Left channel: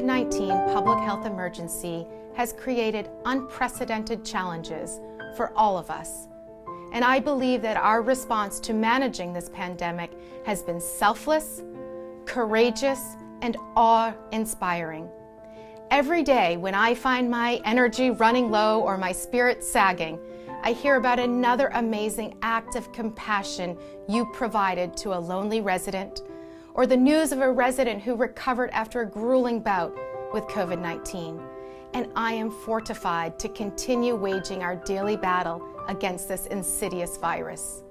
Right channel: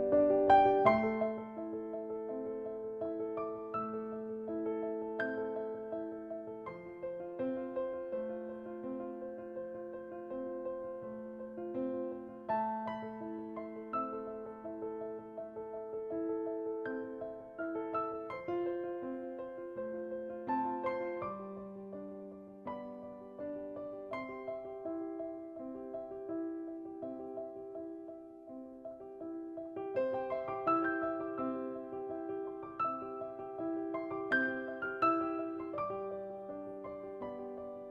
COVID-19 public health emergency has created unprecedented challenges for all of us. And I believe that our response to managing this pandemic has been selfless, courageous, and awe-inspiring. Every day when I find my energy running low or my spirit sagging, I hear about another amazing act of compassion you provided to a lonely resident, or the news of a resident who recovered after a grueling bout with COVID-19. And I am fortified to continue waging our daily battle against this insidious virus.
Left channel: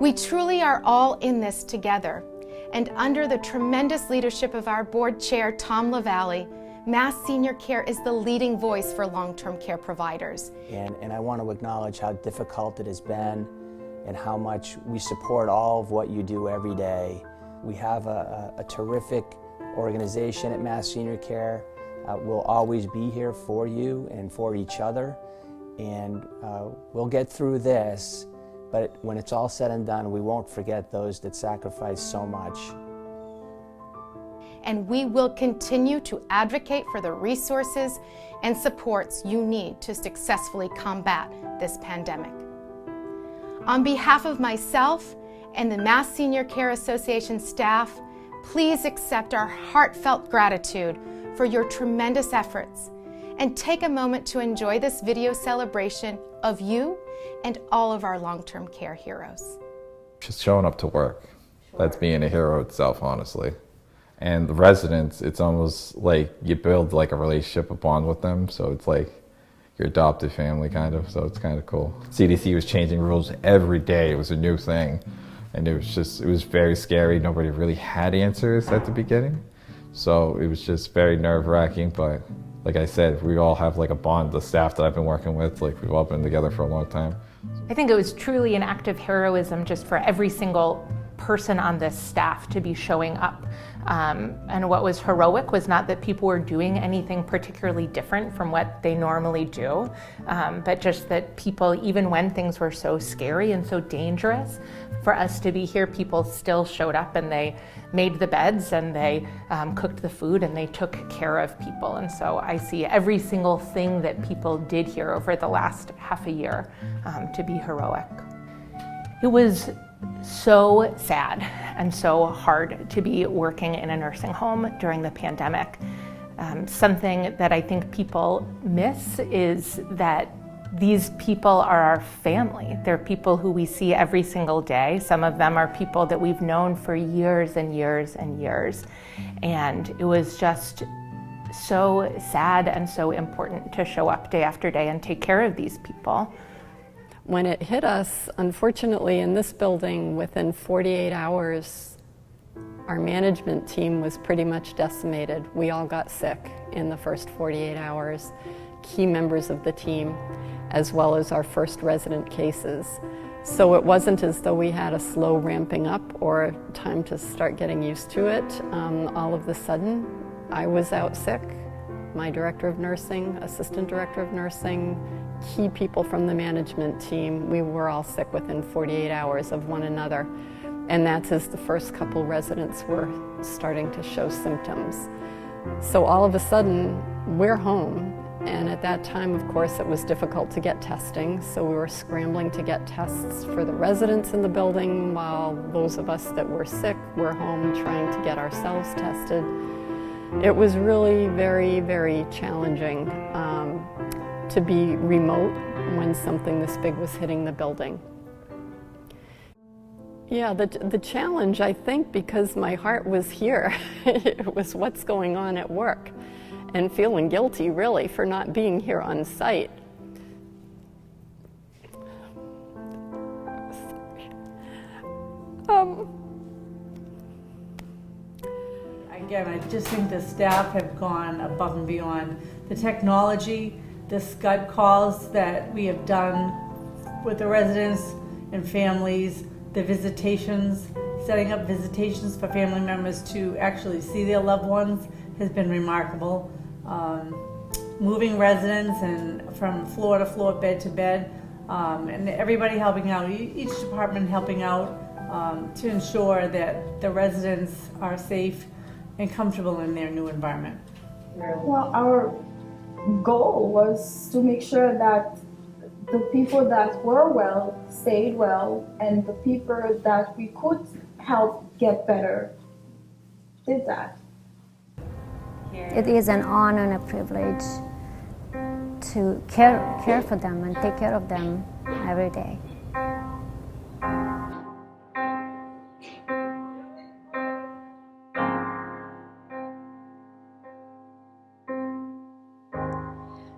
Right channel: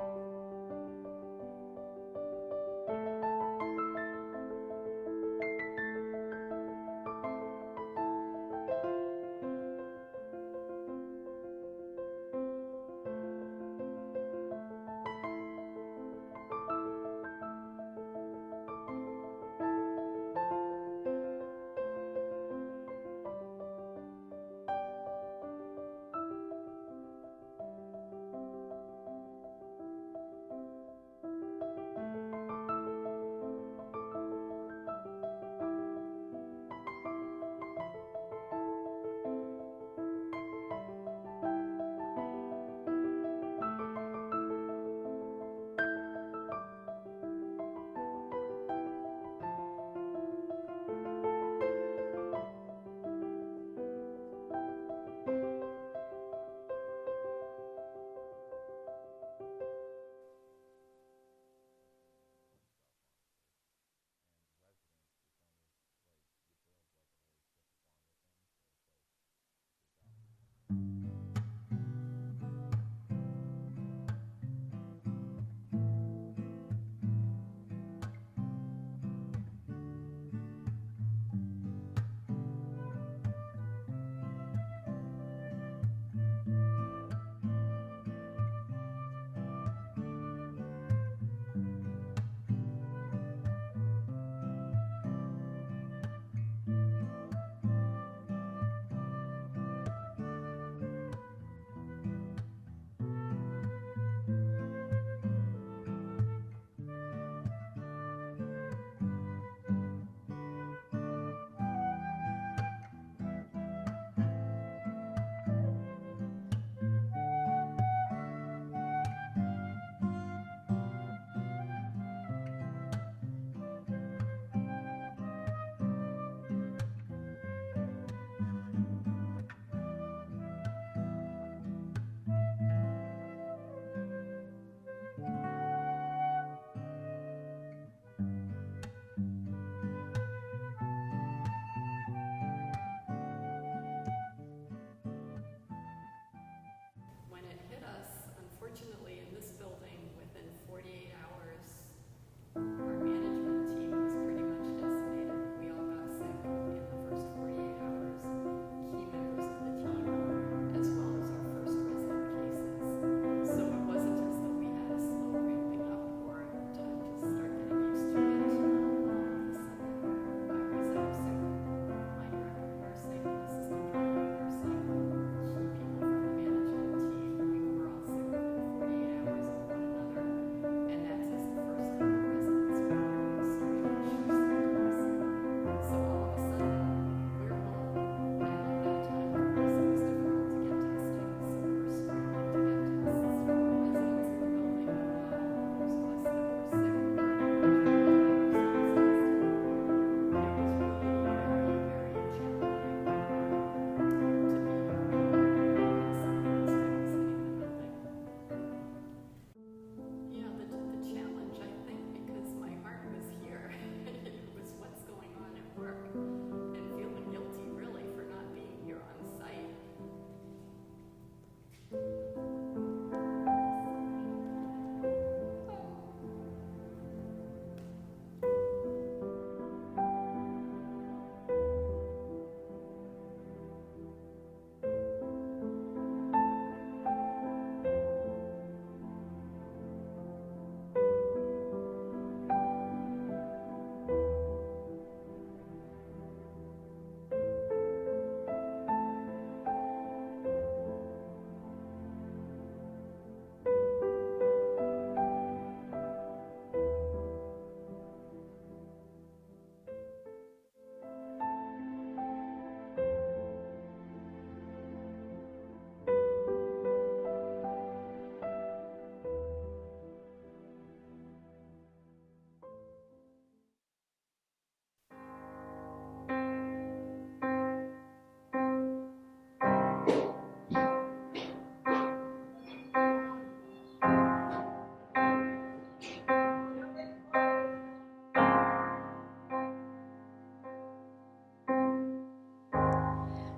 We truly are all in this together, and under the tremendous leadership of our board chair, Tom LaValle, Mass Senior Care is the leading voice for long-term care providers. And I want to acknowledge how difficult it has been and how much we support all of what you do every day. We have a terrific organization at Mass Senior Care. We'll always be here for you and for each other, and we'll get through this, but when it's all said and done, we won't forget those that sacrifice so much. And we will continue to advocate for the resources and supports you need to successfully combat this pandemic. On behalf of myself and the Mass Senior Care Association staff, please accept our heartfelt gratitude for your tremendous efforts and take a moment to enjoy this video celebration of you and all of our long-term care heroes. Just showing up to work, that's being a hero itself, honestly. And the residents, it's almost like you build like a relationship, a bond with them, so it's like your adopted family kind of, so it's kind of cool. CDC was changing rules every day, it was a new thing. And it was very scary. Nobody really had answers at the beginning. So it was just very nerve-wracking, but like I said, we all have like a bond, the staff that I've been working with, like we've all been together for a long time. I think it was truly an act of heroism just for every single person on this staff to be showing up. And what was heroic was not that people were doing anything particularly different from what they normally do, but just that people, even when things were so scary and so dangerous, for us to be here, people still showed up and they made the beds and they cooked the food and they took care of people. And so I see every single thing that people did here over the last half a year to be heroic. It was so sad and so hard to be working in a nursing home during the pandemic. Something that I think people miss is that these people are our family. They're people who we see every single day. Some of them are people that we've known for years and years and years. And it was just so sad and so important to show up day after day and take care of these people. When it hit us, unfortunately, in this building, within 48 hours, our management team was pretty much decimated. We all got sick in the first 48 hours, key members of the team, as well as our first resident cases. So it wasn't as though we had a slow ramping up or time to start getting used to it. All of a sudden, I was out sick. My director of nursing, assistant director of nursing, key people from the management team, we were all sick within 48 hours of one another. And that's as the first couple residents were starting to show symptoms. So all of a sudden, we're home. And at that time, of course, it was difficult to get testing. So we were scrambling to get tests for the residents in the building while those of us that were sick were home and trying to get ourselves tested. It was really very, very challenging to be remote when something this big was hitting the building. Yeah, the challenge, I think, because my heart was here, it was what's going on at work and feeling guilty, really, for not being here on site. Again, I just think the staff have gone above and beyond. The technology, the Skype calls that we have done with the residents and families, the visitations, setting up visitations for family members to actually see their loved ones has been remarkable. Moving residents and from floor to floor, bed to bed, and everybody helping out, each department helping out to ensure that the residents are safe and comfortable in their new environment. through? Well, our goal was to make sure that the people that were well stayed well, and the people that we could help get better did that. It is an honor and a privilege to care for them and take care of them every day.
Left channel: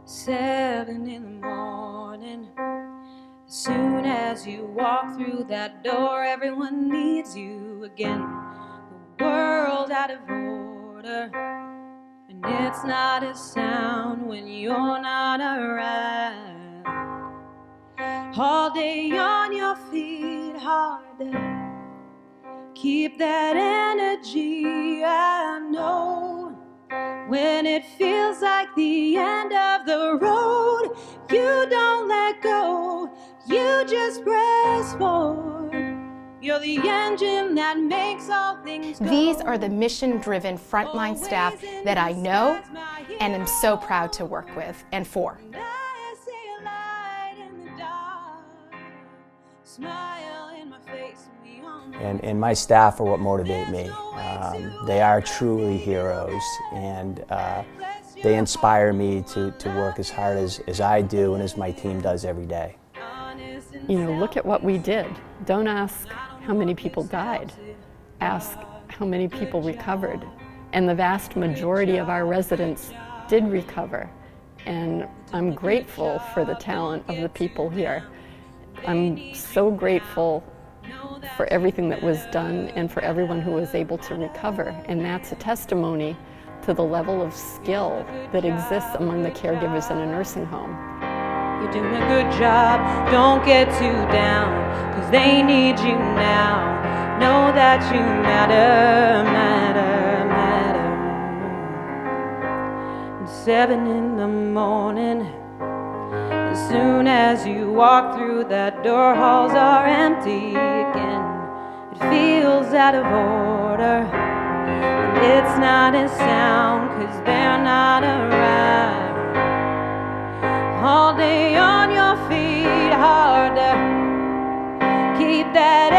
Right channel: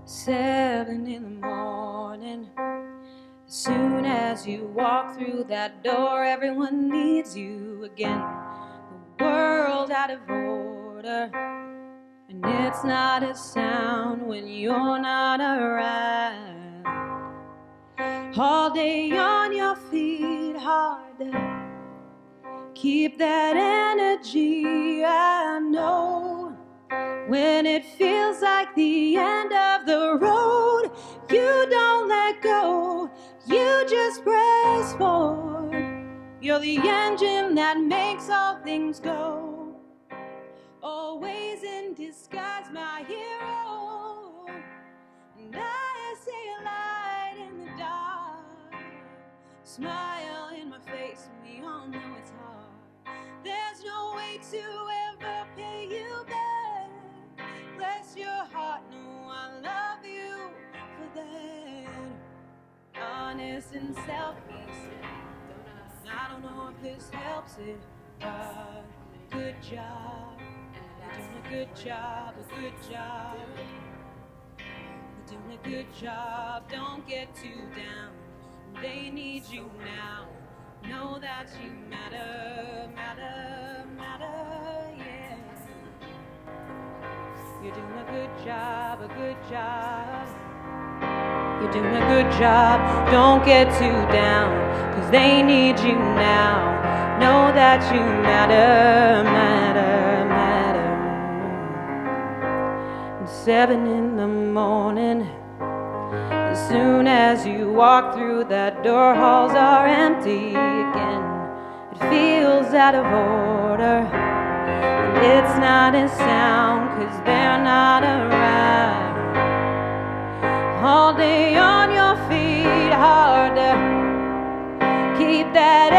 Seven in the morning. As soon as you walk through that door, everyone needs you again. The world out of order, and it's not a sound when you're not around. All day on your feet, hard to keep that energy. I know when it feels like the end of the road, you don't let go, you just press forward. You're the engine that makes all things go. These are the mission-driven frontline staff that I know and am so proud to work with and for. I see a light in the dark, smile in my face And my staff are what motivate me. They are truly heroes, and they inspire me to work as hard as I do and as my team does every day. You know, look at what we did. Don't ask how many people died. Ask how many people recovered. And the vast majority of our residents did recover. And I'm grateful for the talent of the people here. I'm so grateful for everything that was done and for everyone who was able to recover. And that's a testimony to the level of skill that exists among the caregivers in a nursing home. You're doing a good job, don't get too down, 'cause they need you now. Know that you matter, matter, matter. And 7 in the morning, as soon as you walk through that door, halls are empty again. It feels out of order, and it's not a sound, 'cause they're not around. All day on your feet, hard to keep that